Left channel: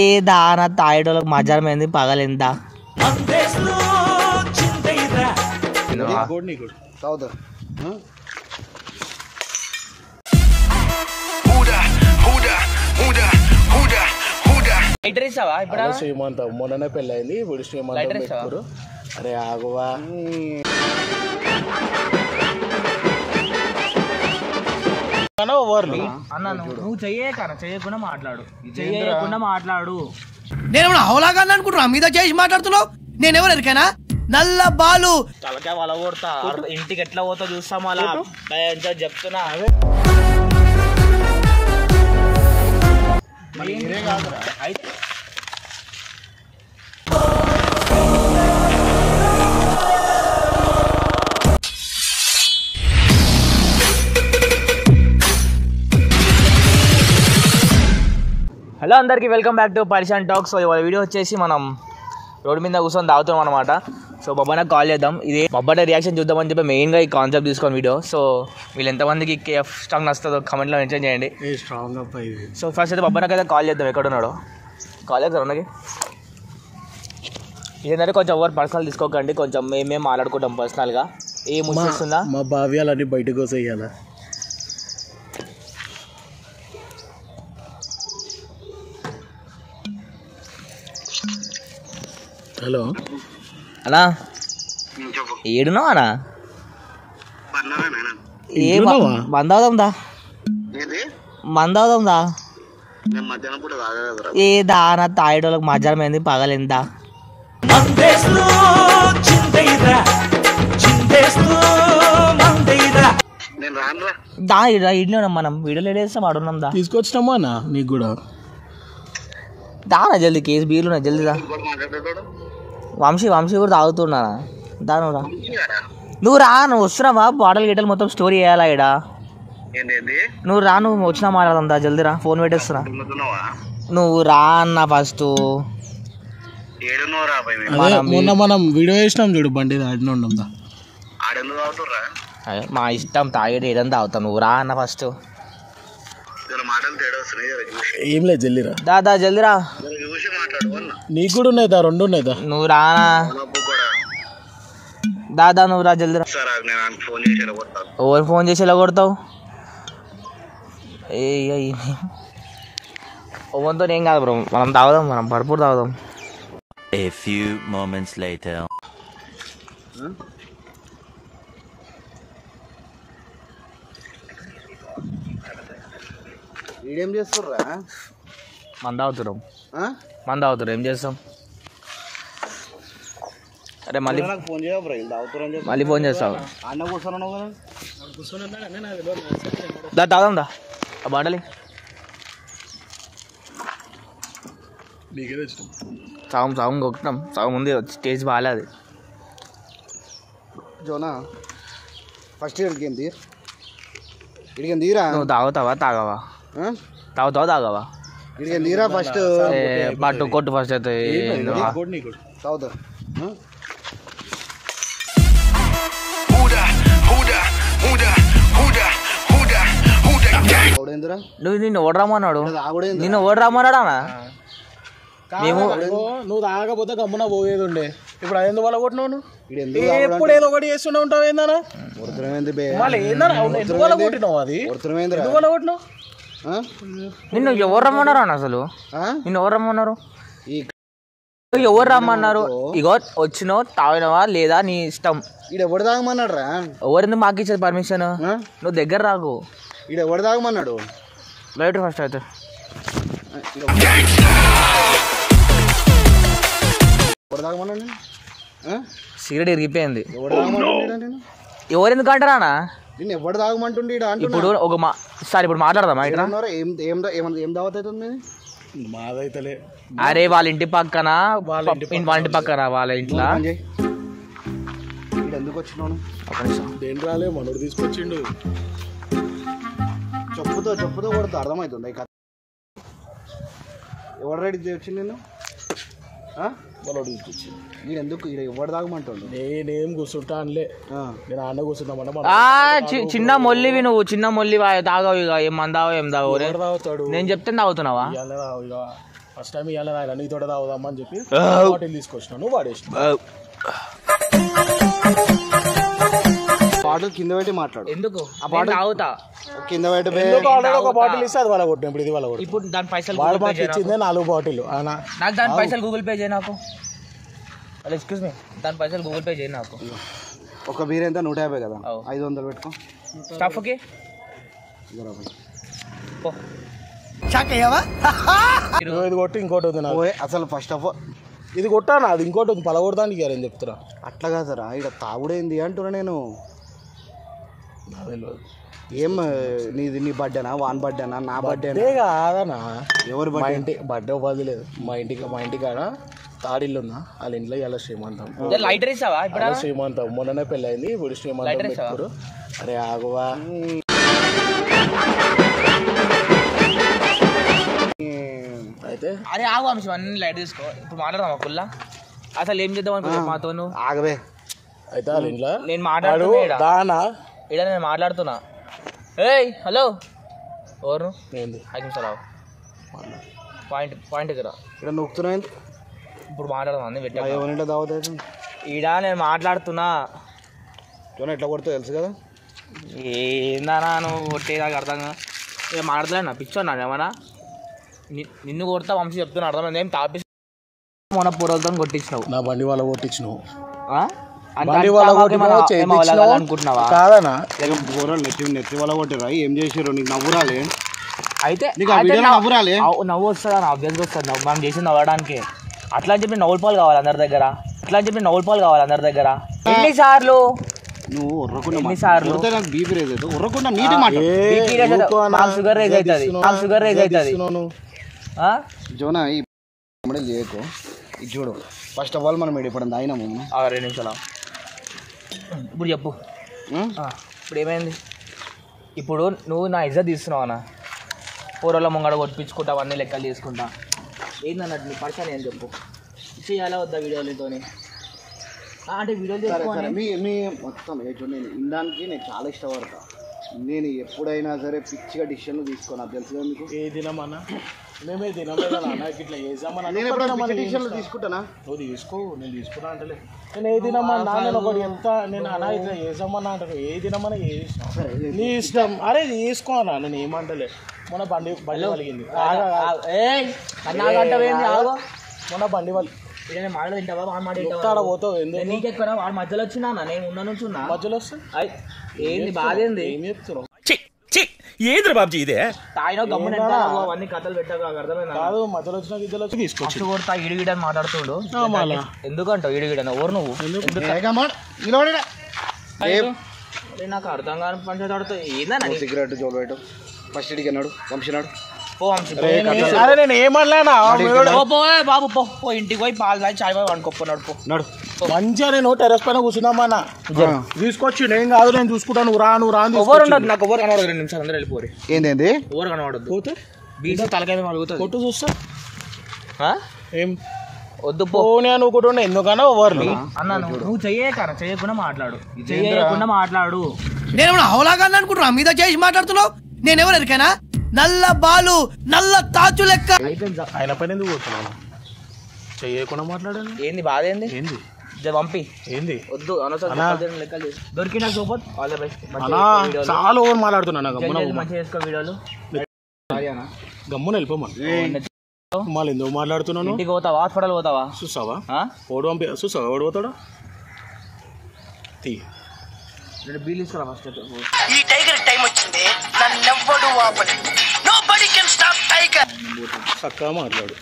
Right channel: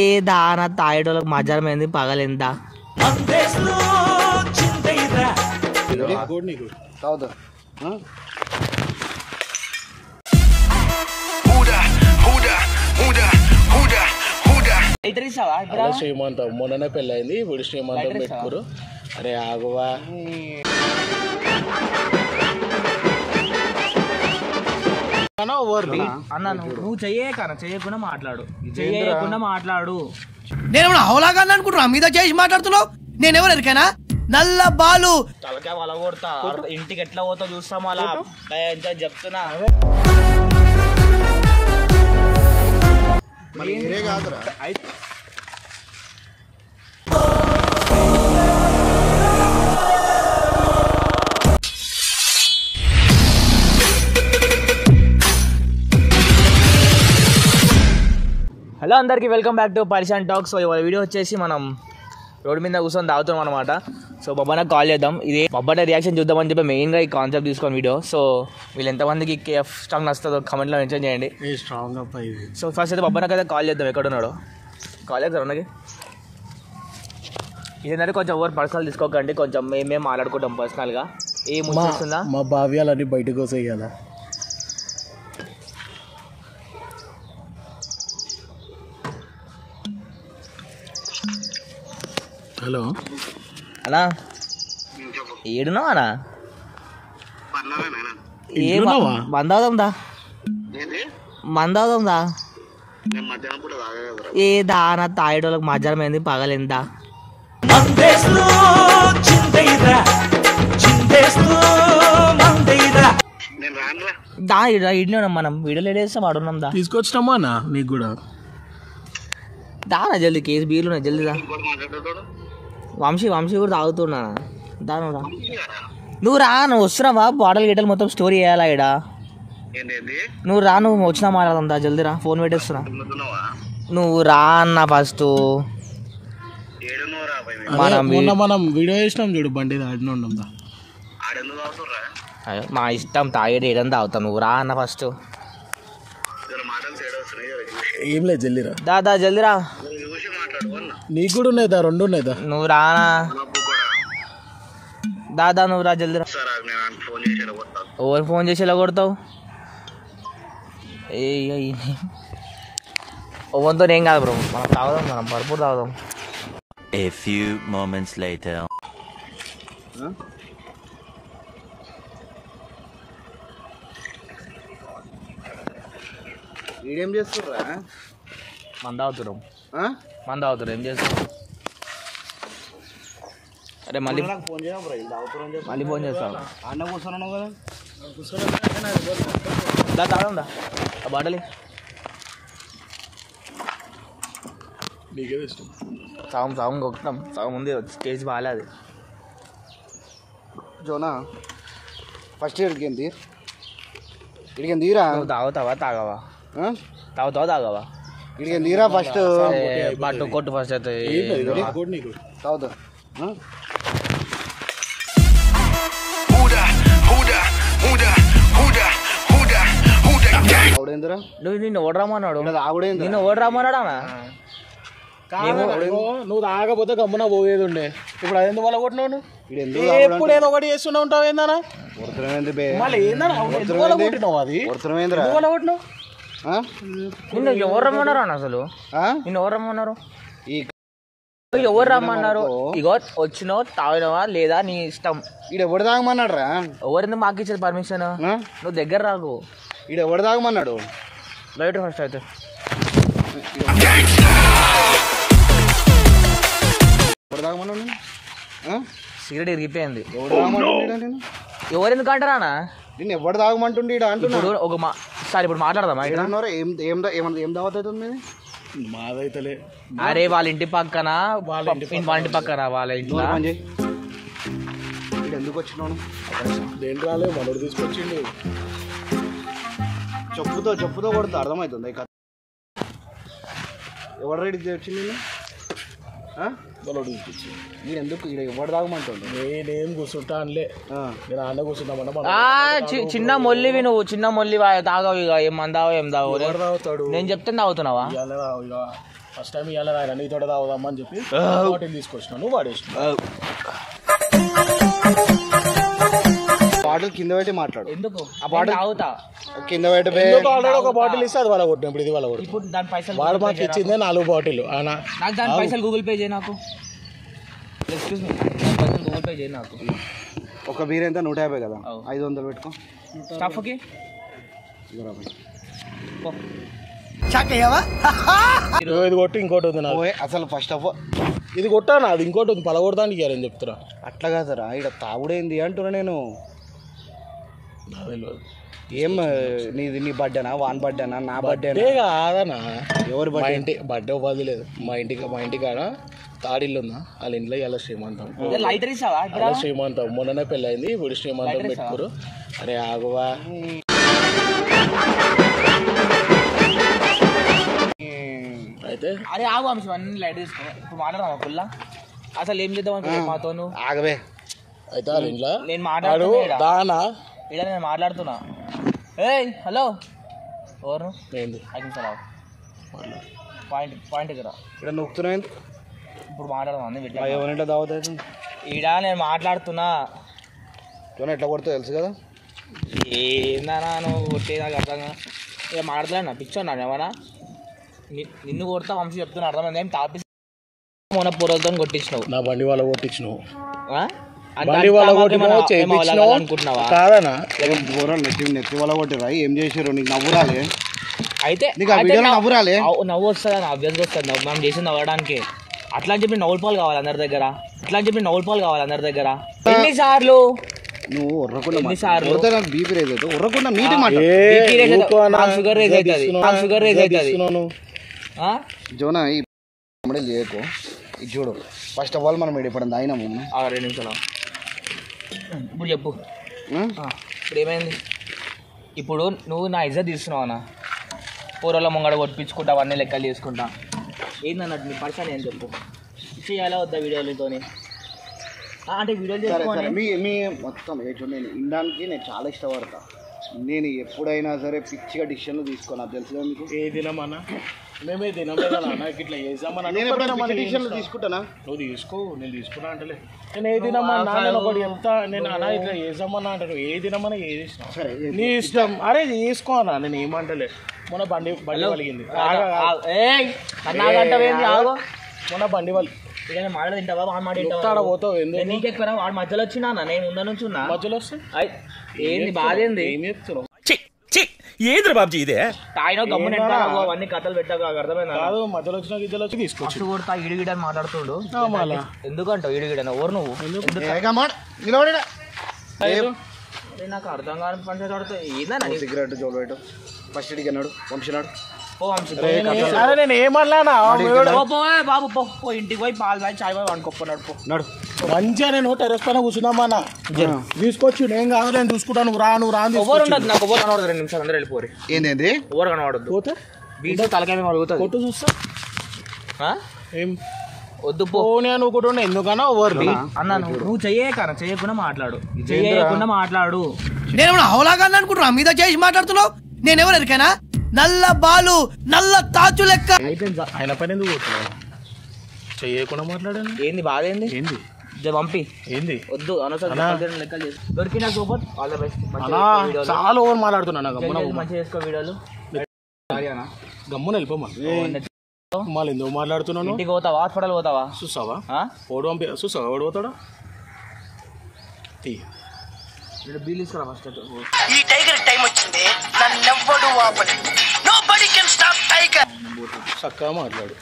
ఏ దానా తాగేటోళ్ళకి మధ్యాహ్నం ఏంది పగలేందా శ్రీమంతం మొన్ననే పెళ్ళయింది ఇప్పుడు శ్రీమంతం పెట్టుకోరు. అరే ఆగువా అన్న నువ్వు చెయ్యకుండా మాట్లాడు. నేను అవలాగా అనుకుంటున్నా మీద చేసి మాట్లాడుతున్నావు. నేనెవరు ఎరికైనా నల్ల బాలు తలకాయ వల కొడతా. ఇంటికి ఎట్లా పోతా చూస్తాం అలా చెప్తున్నా. హలో అందరికీ వెల్కమ్ బ్యాక్ టు పరిశాన్ టాక్స్. సో ఇవాళ వీడియో వచ్చేసి మనం రోడ్డు మీద కూర్చొని తాగుతున్నాం అనమాట. సో బొబ్బనకు కాల్ చేద్దాం. ఇది బొబ్బట రియాక్షన్ చూద్దామని చెప్పి మెయిన్గా ఈ కాన్సెప్ట్ తీసుకొని వీడియో. సో వీళ్ళు ఎంతమందికి కేఎఫ్ స్ట్రాంగ్ నస్తుందో కమెంట్లో మెన్షన్ చేయండి. సో ఫస్ట్ అయితే బొబ్బనకు అయితే కాల్ చేద్దాం. ఎక్కడున్నాడో కాల్ చేద్దాం అన్నకి. ఇదేంటంటే కొంచెం ఎవరు పర్సనల్ తీసుకోకండి, కొంచెం మేమే మాట్లాడుకుంటాం పర్సనల్గా. ఏ ముస్తుందా మా భావ్యాలన్నీ బయటకు వస్తాయ్యాలా. హలో అన్నా ఏడున్నావా అన్నా? ఏ మందవుదాందా ఏ దానా తాగేటోళ్ళకి మధ్యాహ్నం ఏంది పగలేందా దా ఇడ్లీ మనం వీడియోలు ఏడేస్తాం ఆడున్నాం దా తీసుకొచ్చినామా అన్న నీకు కూడా దానా జల్దీ కేసు బీర్లు జల్దీ దా. వంశీ కూడా తాగుతున్నా దాను రా. నువ్వు రా, నువ్వు వస్తున్నావా? బాటలు గిట్టలు మొత్తం స్టోరీ వేయాలా ఇడా. నువ్వు రా, నువ్వు వచ్చినా మాట్లాడదా జల్దీ రా. ఫోన్ పెట్టేస్తున్నా. నువ్వు రా అన్న ఫస్ట్. మొన్న మనం వీడియో చేసినాం చూడు బండి ఆడినా. మా ఇష్టం తాగేది ఏడని తాగుతావు. నువ్వు రా అన్న ఫస్ట్. ఏం లేదు జల్దీరా. దాదా జల్దీరా. నీకు కూడా ఉన్నాయిదా? రెండు ఉన్నాయిదా? నువ్వు రానా దాదా, నువ్వు రా జల్దీరా. ఎవరు ఫోన్ చేసి ఎలా కొడతావు? ఓవన్తో ఏం కాదు బ్రో, మనం తాగుదాం, మనం పడుపు తాగుదాం. A few moments later. ఏం చేస్తుర్రా? మంద అవుతున్నాం. ఏం చేస్తాం? అరే మళ్ళీ ఫోన్ చేస్తావు. దా తాగం దా ఆ బాటలి. సాగు కొట్టినాం. సాగు ముందు స్టేజ్ బాగాలేదు. జోనా ఫస్ట్ ఇడికేంది తీరా. నువ్వు తాగుతావా తాగవా? తాగుతావా ఇడికేంది తీరా ఫస్ట్. పట్టు కొట్టు ఫస్ట్ అయితే తాగుతా. నువ్వు నిన్ను ఓడరామన్నాడు అన్న. నువ్వు తాగకపోతే గమ్మున పోయేది ఉండే. ఇప్పుడు అది ఎందుకు వల్ల కొట్టినావు? నువ్వు ఎప్పుడు ఏదో ఒకటి చేస్తూనే ఉంటావు. ఏందన్నా ఎందుకు వల్ల కొట్టినావు? అది ఎందుకు వల్ల కొట్టినావు? నిన్ను ఎవరు రమ్మన్నారు అన్న? అసలు నిన్ను ఎవరు రమ్మన్నారు? ఎవరు రమ్మన్నారు? ఇగో వచ్చినావు, తాగినవా లేదా నీ ఇష్టం. ఈడ ఎవడు తాగమన్నాడు రా? ఎవరింది మాకు ఇచ్చేది పర్మిషన్? నువ్వు దగ్గర రాకు. ఈడ ఎవడు తాగమన్నాడు? బయట ఫస్ట్ అయితే సిగరెట్ ఇరిగిపోయింది. ఎవరు ఎందుకు అంటారా అన్న? నేను ఎవడు తాగమంటుండే ఇప్పుడు ఒక సార్ ఇప్పుడు మాట్లాడదామా? ఏం దావత్ అవుతుంది మాదైతలే. అరే వాళ్ళ ఇంటి పక్కన వాళ్ళ ఇంట్లో ఎందుకు వచ్చినాను? దేని రాలే మనోడు తీసుకొచ్చిండు. చెప్పుతో కొడుతా అర్థమవుతుంది. ఎవరు రెడీ వచ్చింది? వాళ్ళు తీసుకొచ్చి నేను ఎందుకు ఇక్కడ ఎవరు తాగమంటాడు నేనేం కూర్చుంటా అనలే నేను అన్న కూర్చుంటామన్నా చిన్న మొల్లివి నువ్వు చిన్న మొల్లి తాగవు ఇక ఏం మందావో ఏం తాగవు ఎవరు తాగుతాడు నేను చెప్తే తాగుతున్నావా ఇక ఫస్ట్ టైం ఇవాళ రాయరా నీతో తాగుదామా అని చెప్పి బాటిల్ తీసుకొచ్చినా నువ్వు వాడేసిన బాటిల్ కింద పెట్టి మాట్లాడు ఎందుకు ఆ బాటిల్ తాగుతా కింద పెట్టి ఆల్రెడీ ఒక బాటిల్ ఇస్తే అది వాళ్ళ కొట్టిన ఇప్పుడు ఇది వాళ్ళ కొట్టిన ఇప్పుడు దాని పైసలు వాడు మాకు ఇచ్చిందే 4 బాటిల్ నాకు దాని పైసలు గూగుల్ పే చేయి నాకు ఎక్స్క్యూజ్ మీ దాని పైసలు గూగుల్ పే చేయి నాకు ఒక బీర్ ఎంత 150 కదా 500 పెట్టుకో స్టఫ్కి ఇది కొట్టి ఇంకోటి ఉంది నాకు అసలు ఫస్ట్ ఆఫ్ ఆల్ ఇది కొట్టాను అది ఇంకోటి ఉంది పలగొడతానికి ఇయ్యారని చెప్తున్నా అట్లా కాదురా ఇక్కడ తాగుడేంది అంటున్నా నేను ఏం నీ బర్త్డేనా వాన్ బర్త్డేనా నా బర్త్డే కాదనా ఎవరు మా ఇంటి బర్త్డే ఉపాధి లేదు మా ఇంటి కాడ తాడిల్లు ఉందా వాళ్ళ ఇంట్లో ఇలా శ్రీమంతం లైటర్ ఇస్తావా అలా శ్రీమంతం మొన్ననే పెళ్ళయింది ఇప్పుడు శ్రీమంతం పెట్టుకోరు అరే ఆగువా అయితే అరే ఆగు అంశం అన్ని లైట్ తీసుకో ఇప్పుడు మాట్లాడదామా ఫుల్ అసలు ఏం చేద్దాం అనుకుంటా మాతో ఆగవే అయితే వాళ్ళ ఇంట్లో నేను మాట్లాడుతున్నా దానా ఇక్కడ నేను మాట్లాడుతున్నా ఏయ్ హలో ఎవరు ఏంది 5 నిమిషాలు పాయింట్ దగ్గర ఇక్కడ నొక్కుతున్నావు ఇప్పుడు మాట్లాడదాం అన్నీ పెట్టా ఎవరింటో తాగుతాయి ఈడ నేను మాట్లాడుతున్నా ఎట్లా కొడుతూ తెలుసు కదా ఏందన్నా నువ్వు కొట్టే నాకు అర్థం ఇక మాట్లాడలేనా పిచ్చోన్నా ఏమన్నా నిన్ను కొడతా వంశీ చెప్తున్నా అర్థమైంది ఏం తాపి మొన్న పొరలతో కొట్టించినావు నా బండి వాళ్ళ కొట్టించినావు ఆ? బండి వాళ్ళ కొట్టినావు చేయించినావు అనుకుంటున్నావా కాదనా నెత్తి వాళ్ళ కొట్టిరా ఏం చేసారు నీకు నవ్వురాలే అయితే నీకు ఆ వీడియోలో నవ్వురాలే నవ్వు వస్తుందా అభ్యర్థి వస్తుంది మనం చేసింది అవ్వడానికి అట్లా అని చెప్పి నవ్వుల పాలు కావాలి అందరి దగ్గర ఎన్నిసార్లు నువ్వు ఉర్రకుండా ఎన్నిసార్లు? కొడితే నాకు బీపీ రేజ్ అవుతుంది ఉర్రకుండా నీటి మాట షుగర్ రేజ్ అవుతుంది జోనా ఈ చేయకు ఇది చూడు ఫస్ట్ ఆఫ్ ఆల్ మనం ఇప్పుడు తాగినాము 2 నిమిషాలు ఇప్పుడు చెప్పు ఇప్పుడు ఏమైంది ఇప్పుడు నువ్వు నా ఇజ్జత్ తీస్తున్నావు అన్న పూర్వలో ముంగడ కొట్టించుకుంటా అవన్నీ లెక్కలు చేసుకుంటా ఏందన్నట్టు నీ పరిచయం ఏం చెప్పు చేయాలా వద్దా వీడియోలతోని అంటే వీడియోలు మీ మొత్తం నేను ఇండానికి నేను చాలా ఇష్టపడతా నేను ఎప్పుడైనా సరే పిచ్చిగా డిసిషన్లు తీసుకోను నాకు తెలుసు కదా మీకు ఏ తినమన్నా మేమే తినలేదా ఇట్లా చేసామన్నా నేను ఎప్పుడైనా డిసిషన్లు తీసుకుంటానా నువ్వు తీసుకో నేను తీసుకున్నా అంటే నేను ఏ తినమన్నా నేను ఒకటి ఎంత నేను అలా ఇట్లా చేసామన్నా అంటే నువ్వు ఏ తినమన్నా ఏది ఇష్టం నీ ఇష్టం అరే తీసుకో అన్నా నేను ఏమంటలే మొన్న బండి కలిగింది మొన్న బండి వాళ్ళు ఇక మాట తింటావా మాట పోతావు నీకెక్కువ వాడు మధ్యలో వచ్చినా నేను ముందు నుంచి ఉన్నా మధ్యలో వస్తే ఏంది బాధ ఏంది ఏం చెప్తున్నావు ఏంద్ర బాబుజీ ఇదే తాయినో గమ్మున అవన్నీ కథలు పెట్టాక అర్థమైందా కాదు మధ్యలో వచ్చిన గిద్దలు వచ్చి తీసుకొచ్చి కొడతా ఇడిగిడని మాట్లాడుతుడు ఎందుకంటావు ఇడిగిడని ఎవరు నువ్వు నాకు అర్థం కాని పంచాడుతా ఏందన్నా సిగరెట్ జోలు పెట్టు ఫస్ట్ ఇడికి అన్నాడు వంశినాడు అరే నేను ఏమన్నానా బాబు పో ఇంటికి పోయి పాలు తాగి చాయ్ పోయి వండుకోపోన్నాడు పో నడు మంచిగా నేను టెరెస్ పైన కూర్చున్నామన్నా తీసుకొచ్చి నేను కాదు నేను చూసుకుంటాను నువ్వు రా ఎవరు ఉండదు నాకు ఎవరు కనబడదు 2 నిమిషాలు అందరూ వెళ్ళిపోరు ఏంది ఎవరు కనబడద్దు పోతే బీసీ తలకాయ అడుగుతుంది కొట్టు చూస్తా ఏం వద్దు పోనీ అనుకుంటున్నా ఎందుకన్నా ఎవరు అన్నా నువ్వు చేయకుండా మాట్లాడు నేనేమన్నా హౌలాగా అనుకుంటున్నా మీద చేసి మాట్లాడుతున్నావు నేనెవరు ఎరికైనా నల్ల బాలు నల్ల తాచు లెక్క ఆయన పైన ఎందుకు పోతున్నాను చెయ్యకుండా మాట్లాడాను ఏంది బాధ ఏంది ఏంది పంపి ఏంది వద్దు లెక్కలు దొరికిన సూపర్ ఆల్ ద బెస్ట్ చాలా ఓవర్ మాట్లాడుతున్నా మంచిగా చేసుకో వీడియోలు గమ్మున వెళ్ళిపోమా మళ్ళీ ఎందుకు మాట్లాడుతున్నాను ఇంటికి పోతావా హాస్పిటల్ పోతావా చూసావా ఓడు పంపి చూసావా ఓడి పోతాడా తీ బిల్ తీసుకురా ఫస్ట్ ఈ టైగర్ టైం వచ్చింది నన్నెవ్వడు ఆపలేడు నోబడీ కెన్ స్టాప్ టైగర్ చక్కగా మాట్లాడు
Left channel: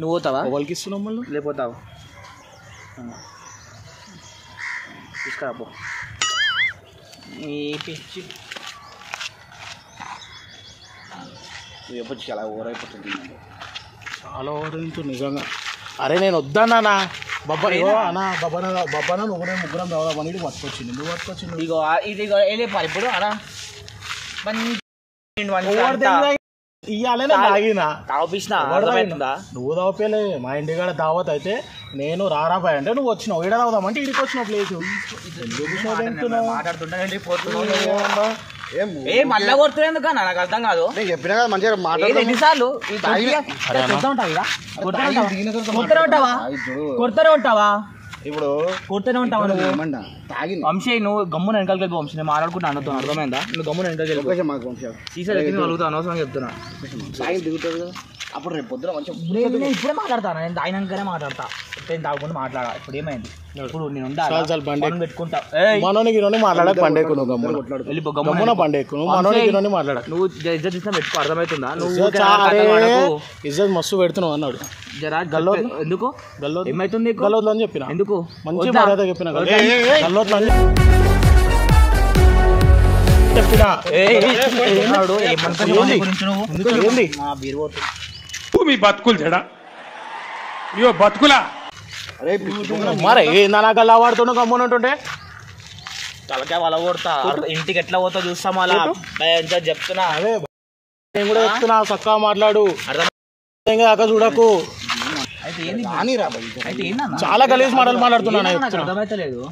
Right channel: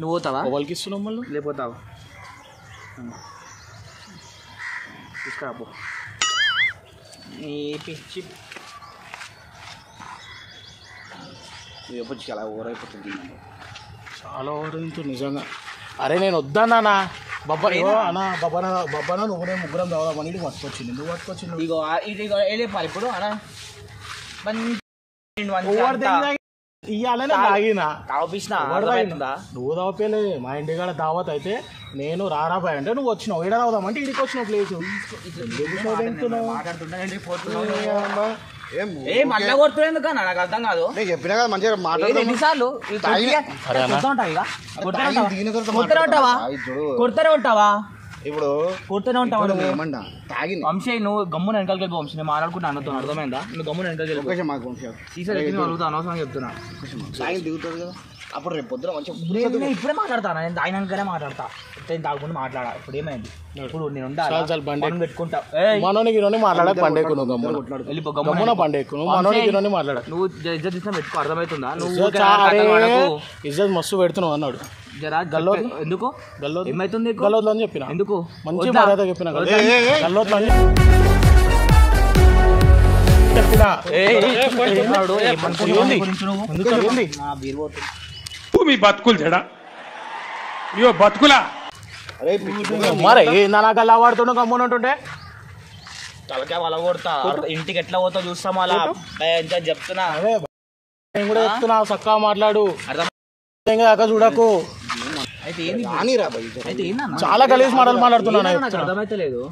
నువ్వు పోతావా ఎవరికి ఇస్తున్నావు మళ్ళీ లేకపోతావా తీసుకురా పో నీ పిచ్చి ఎప్పుడు చాలా ఓవర్ అయిపోతుంది చాలా ఓవర్ అవుతుంది నిజంగా అరే నేను వద్దన్నా బబ్బనా నువ్వు ముగ్గురం చదవమని ఇది పట్టుకొచ్చింది నువ్వు పట్టుకొచ్చింది ఇగో ఇది ఇప్పుడు అనా ఇయ్యాలనే తాగినా తాగిపిస్తున్నా నువ్వు తాగలేదు. మా ఇంటికాడ దావత్ అయితే నేను రారాబాయ్ అంటే నువ్వు వచ్చినావు. ఈడ తాగుదామంటే ఇడికి వచ్చినావు ప్లేస్. మళ్ళా కొడుతున్నందుకు నాకు అర్థం కాదు. నేను చెప్పినా కదా మంచిగా మాట్లాడతాను. ఎన్నిసార్లు కొడుతూనే ఉంటావా? ఇప్పుడు కొడుతూనే ఉంటావా నువ్వు? ఏమన్నా తాగింది వంశీ నువ్వు గమ్మున వెనకాలకి వంశీ నేను మాట్లాడుకుంటా అనుకో, అర్థమైందా? నువ్వు గమ్మున వెనకాలకి మాకు వంశం సీసాలు అడుగుతా అనవసరంగా చెప్తున్నా. తాగి దిగుతుంది కదా అప్పుడు రేపు పొద్దున మంచిగా ఇప్పుడే మాట్లాడతాను. నేను తాగినాకనే మాట్లాడతా. నేను తాగకుండా మాట్లాడా. ఇప్పుడు ఏమైంది? ఇప్పుడు నేను పెట్టుకుంటా. మనోనికి మాట్లాడక పండేకు గమ్మున పండేకు మనోనికి మాట్లాడ. నువ్వు ఇజ్జత్ తీసుకొని పెట్టుకో, అర్థమవుతుందా? నువ్వు ఇజ్జత్ మస్తు పెడుతున్నావు అన్నాడు. గల్లో ఎందుకు? గల్లో ఏమైతుంది? గల్లోద్లు అని చెప్పిన. ఎందుకు? మంచి మర్యాద చెప్పిన గల్లోద్లు అని మీ బతుకులు చెడా ఇయో బతుకులా మరే నా గల్లా వాడుతున్నా గమ్మున ఉంటుంటే తలకాయ వాళ్ళ కొడతా. ఇంటికి ఎట్లా పోతా చూస్తాం అలా చెప్తున్నా. అదే నేను కూడా చెప్తున్నా, చక్కగా మాట్లాడు. అక్క చూడకు. చాలా గలీజ్ మాటలు మాట్లాడుతున్నా. అర్థమైతలేదు.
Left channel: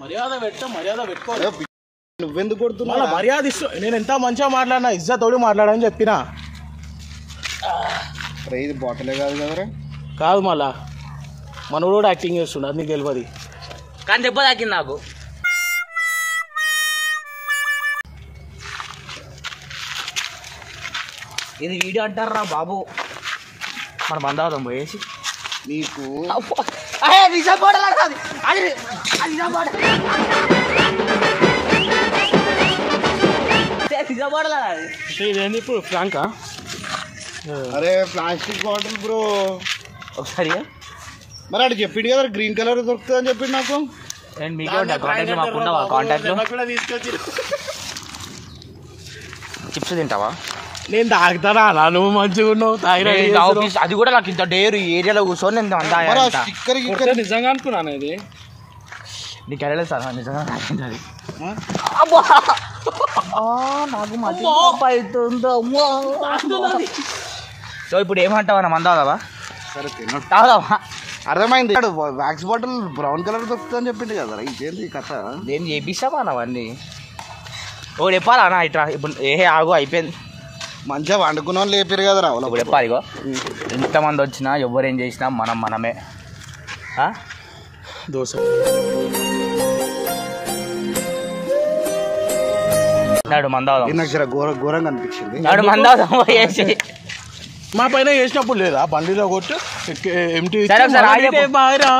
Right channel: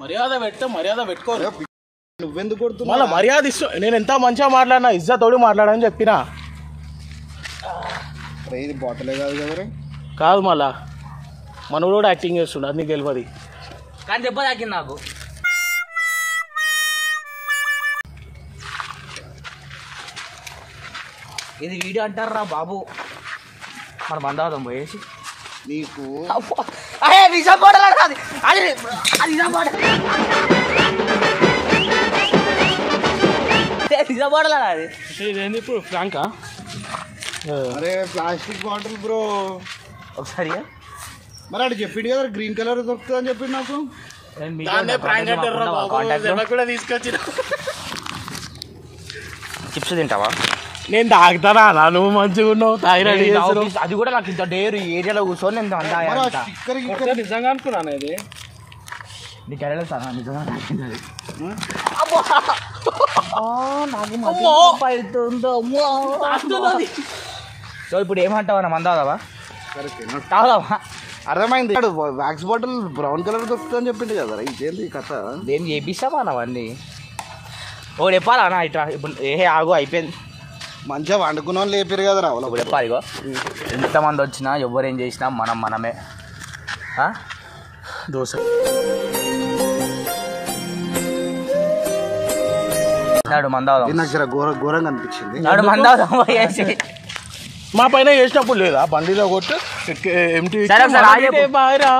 మర్యాద పెట్టుకో. నువ్వెందుకు కొడుతున్నావు? మర్యాద ఇష్టం. నేను ఎంత మంచిగా మాట్లాడినా ఇజ్జతోడు మాట్లాడని చెప్పినా. ఇది బాటలే కాదు కదరా. కాదు మళ్ళా మనోడు కూడా యాక్టింగ్ చేస్తుండ, అది నీకు తెలియదు. కానీ దెబ్బ తాకింది నాకు. ఇది వీడియో అంటారా బాబు? మన బంధాదం పోయేసి నీకు ఇదేంది ఇప్పుడు ఫ్రాంకా? అరే ప్లాస్టిక్ బాటిల్ బ్రో. ఒకసారి మరి అటు చెప్పిండు కదా గ్రీన్ కలర్ దొరుకుతుంది అని చెప్పిండు నాకు. చిప్స్ తింటావా? నేను తాగుతానా? నువ్వు మంచిగా ఉన్నావు. అది కూడా నాకు ఇంత డేరు ఏరియాలో కూర్చొని నేను నిజంగా అనుకున్నాను. అది నీకు వెళ్ళలేదు సార్ నిజంగా నాకుంటుంది. నాకు మధ్య సో ఇప్పుడు ఏమంటావా? నా మందావా తాగుదావా? అర్థమైంది. వ్యాక్స్ బాటిల్ బ్రౌన్ కలర్ దొరుకుతుంది అని చెప్పిండు కదా. ఇంకేంది కథ? ఏం చేపిస్తావా అవన్నీ? ఒకటి చెప్పాలా అన్న ఇట్లా? ఇప్పుడు ఆగు అయిపోయింది. మంచిగా వండుకున్న వాళ్ళు లేపారు కదా రా. ఒకటి చెప్పాలి. ఇగో ఎంతమంది వచ్చినా ఎవరు ఏం చేసినా మనమే. దోశ నాడు మందావదాం. నాకు జర ఘోరంగా అనిపించింది. నాడు మందావదాం వేసి మా పైన చేసినప్పుడు లేదా బండిలో కొట్టు ఎంటీ బాగా